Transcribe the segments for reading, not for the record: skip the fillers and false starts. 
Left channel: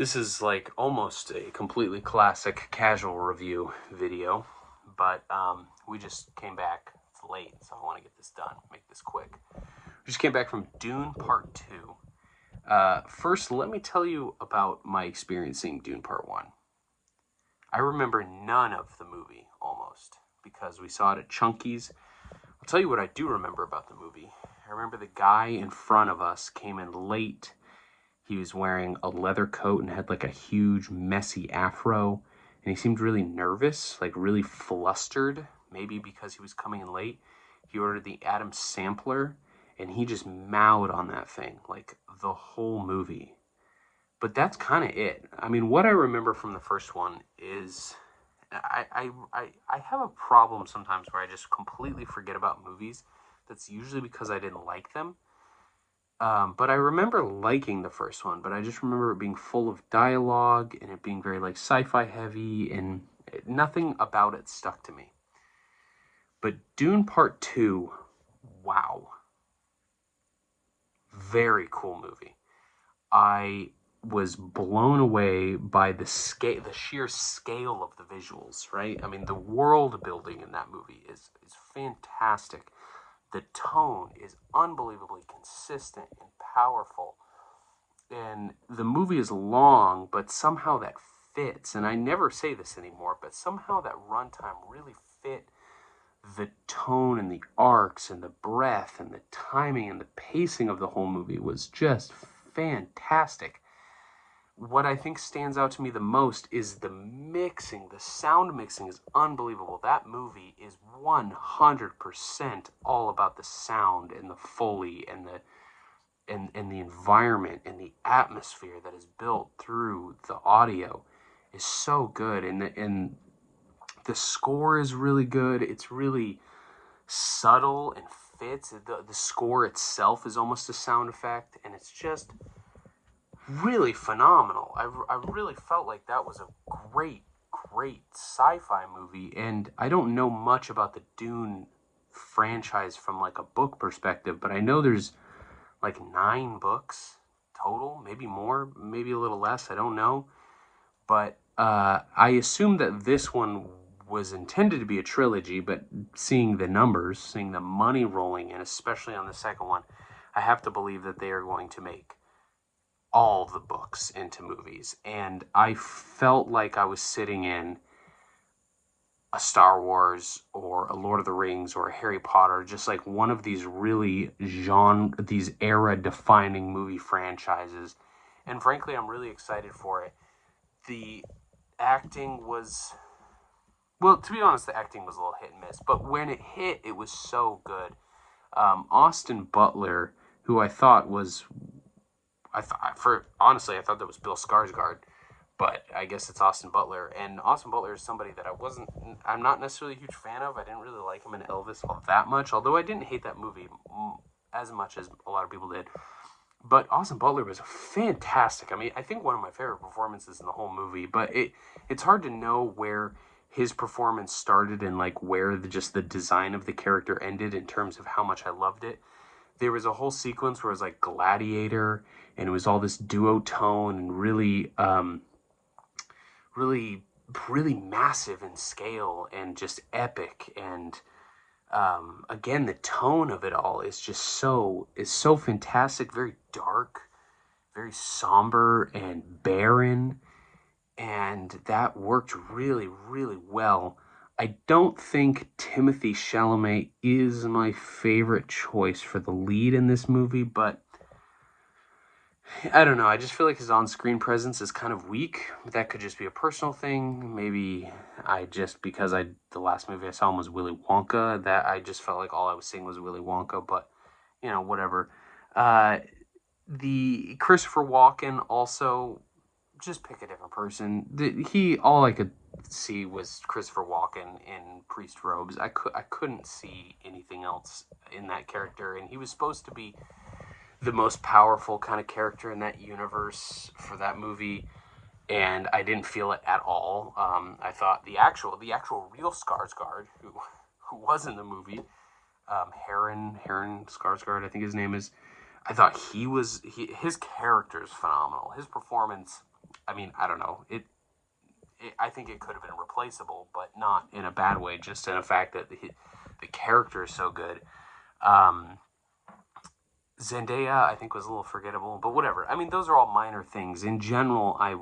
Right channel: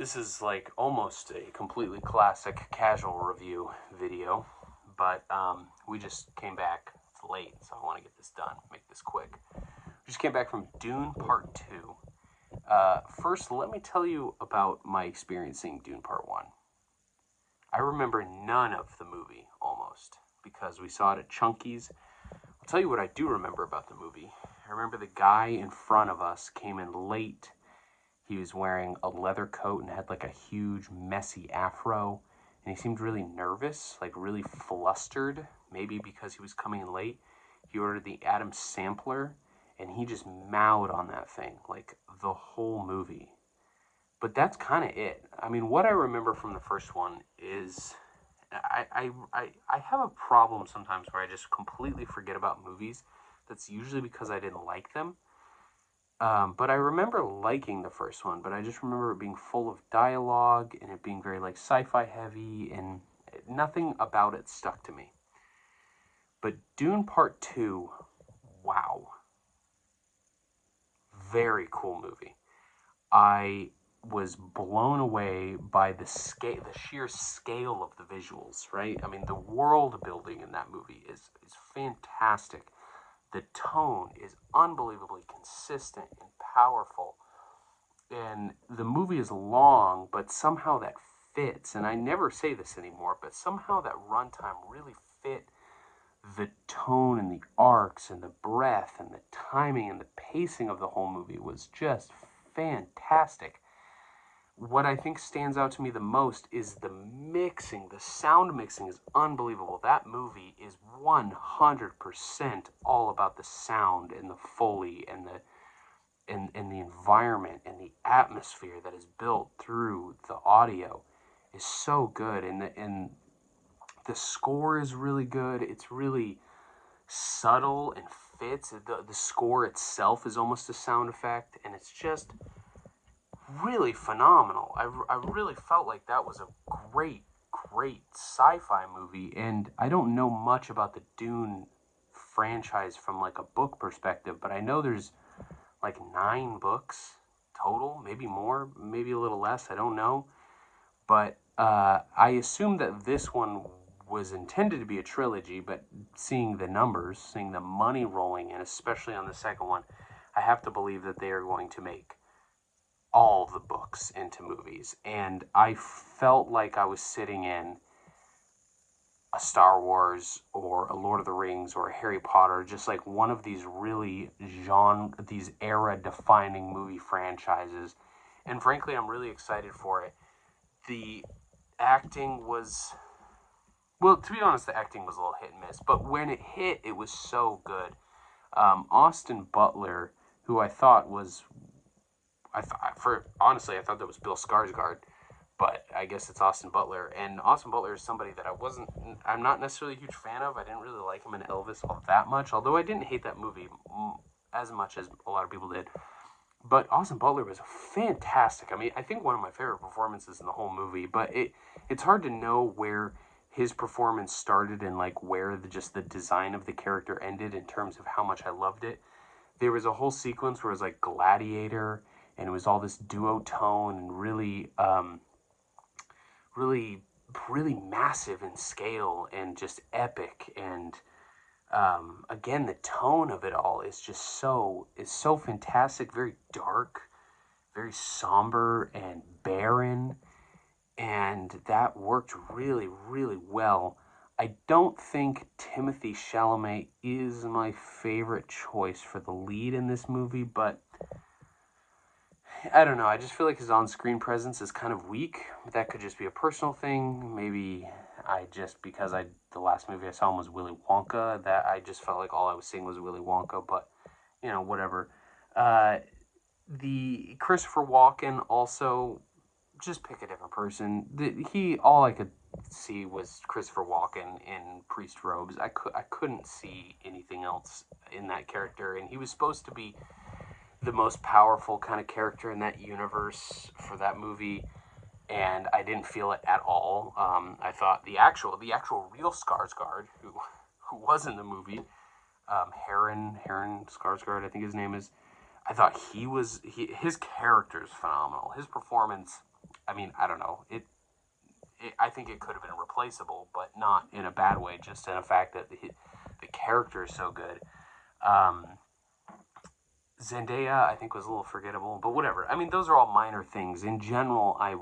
This is like almost a completely classic casual review video, but we just came back. It's late, so I want to get this done, make this quick. We just came back from Dune Part 2. First, let me tell you about my experience seeing Dune Part 1. I remember none of the movie, almost, because we saw it at Chunky's. I'll tell you what I do remember about the movie. I remember the guy in front of us came in late. He was wearing a leather coat and had like a huge, messy afro. And he seemed really nervous, like really flustered, maybe because he was coming in late. He ordered the Adam sampler, and he just mowed on that thing, like the whole movie. But that's kind of it. I mean, what I remember from the first one is I have a problem sometimes where I just completely forget about movies. That's usually because I didn't like them. But I remember liking the first one, but I just remember it being full of dialogue and it being very like sci-fi heavy, and nothing about it stuck to me. But Dune Part 2, wow. Very cool movie. I was blown away by the sheer scale of the visuals, right? I mean, the world building in that movie is fantastic. The tone is unbelievably consistent and powerful. And the movie is long, but somehow that fits. And I never say this anymore, but somehow that runtime really fit the tone and the arcs and the breadth and the timing and the pacing of the whole movie was just fantastic. What I think stands out to me the most is the mixing. The sound mixing is unbelievable. That movie is 100% all about the sound and the Foley and the environment and the atmosphere that is built through the audio is so good. And the score is really good. It's really subtle and fits. The score itself is almost a sound effect, and it's just really phenomenal. I really felt like that was a great sci-fi movie. And I don't know much about the Dune franchise from like a book perspective, but I know there's like 9 books total, maybe more, maybe a little less, I don't know. But I assume that this one was intended to be a trilogy, but seeing the numbers, seeing the money rolling in, especially on the second one, I have to believe that they are going to make all the books into movies. And I felt like I was sitting in a Star Wars or a Lord of the Rings or a Harry Potter, just like one of these really these era-defining movie franchises. And frankly, I'm really excited for it. The acting was, well, to be honest, the acting was a little hit and miss, but when it hit, it was so good. Austin Butler, who I thought that was Bill Skarsgård, but I guess it's Austin Butler. And Austin Butler is somebody that I'm not necessarily a huge fan of. I didn't really like him in Elvis all that much, although I didn't hate that movie as much as a lot of people did. But Austin Butler was fantastic. I mean, I think one of my favorite performances in the whole movie, but it's hard to know where his performance started and like where the design of the character ended in terms of how much I loved it. There was a whole sequence where it was like Gladiator, and it was all this duotone and really massive in scale and just epic. And again, the tone of it all is just so fantastic, very dark, very somber and barren. And that worked really, really well. I don't think Timothée Chalamet is my favorite choice for the lead in this movie, but I don't know. I just feel like his on-screen presence is kind of weak. That could just be a personal thing. Maybe because the last movie I saw him was Willy Wonka, that I just felt like all I was seeing was Willy Wonka, but, whatever. The Christopher Walken also, just pick a different person. All I could see was Christopher Walken in priest robes. I couldn't see anything else in that character, and he was supposed to be the most powerful kind of character in that universe for that movie, and I didn't feel it at all. I thought the actual real Skarsgård, who was in the movie, Heron Skarsgård, I think his name is. I thought his character is phenomenal. His performance, I mean, I don't know. I think it could have been replaceable, but not in a bad way. Just in the fact that the character is so good. Um, Zendaya, I think, was a little forgettable, but whatever. I mean, those are all minor things. In general, I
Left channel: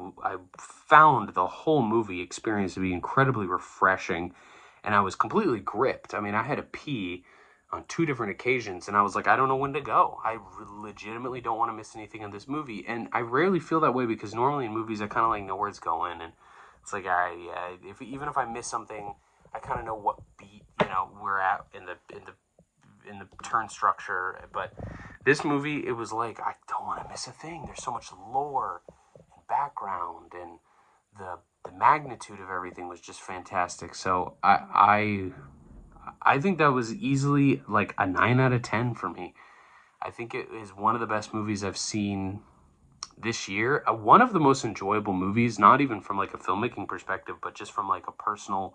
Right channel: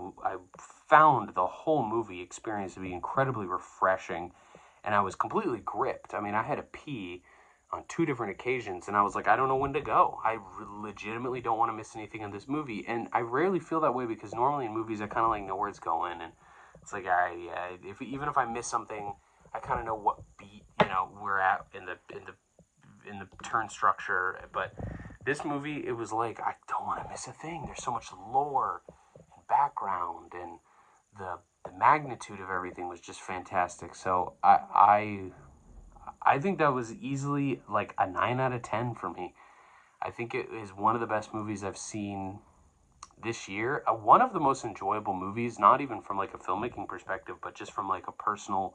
found the whole movie experience to be incredibly refreshing, and I was completely gripped. I mean, I had to pee on 2 different occasions, and I was like, I don't know when to go. I legitimately don't want to miss anything in this movie, and I rarely feel that way because normally in movies I kind of like know where it's going, and it's like if even if I miss something, I kind of know what beat we're at in the turn structure, but this movie, it was like, I don't want to miss a thing. There's so much lore and background, and the magnitude of everything was just fantastic. So I think that was easily like a 9 out of 10 for me. I think it is one of the best movies I've seen this year. One of the most enjoyable movies, not even from like a filmmaking perspective, but just from like a personal,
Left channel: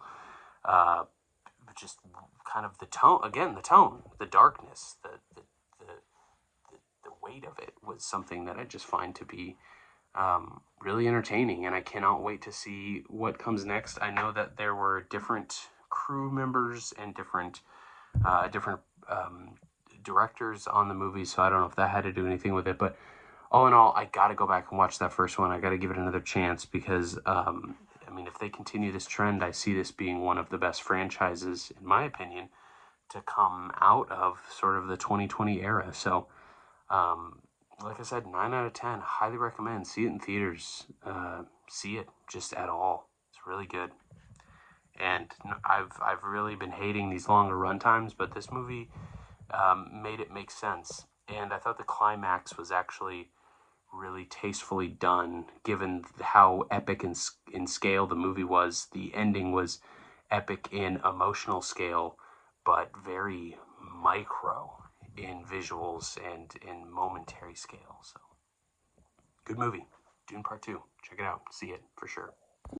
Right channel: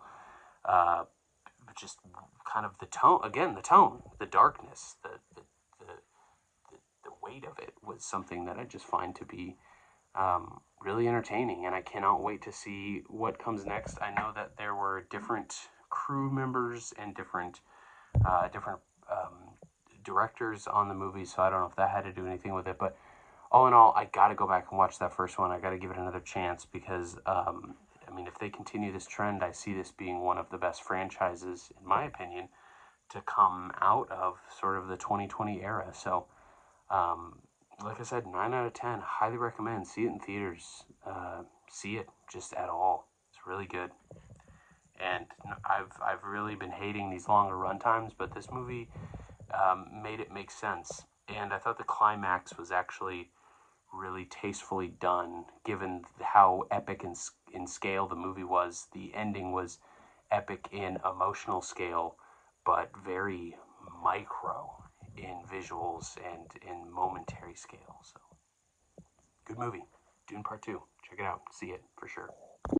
uh, just kind of the tone. Again, the tone, the darkness, the weight of it was something that I just find to be really entertaining, and I cannot wait to see what comes next. I know that there were different crew members and different directors on the movie, so I don't know if that had to do anything with it. But all in all, I got to go back and watch that first one. I got to give it another chance because I mean, if they continue this trend, I see this being one of the best franchises, in my opinion, to come out of sort of the 2020 era. So like I said, 9 out of 10. Highly recommend. See it in theaters. See it just at all. It's really good. And I've really been hating these longer run times, but this movie made it make sense. And I thought the climax was actually really tastefully done, given how epic in scale the movie was. The ending was epic in emotional scale, but very micro in visuals and in momentary scale. So, good movie. Dune Part 2. Check it out. See it for sure.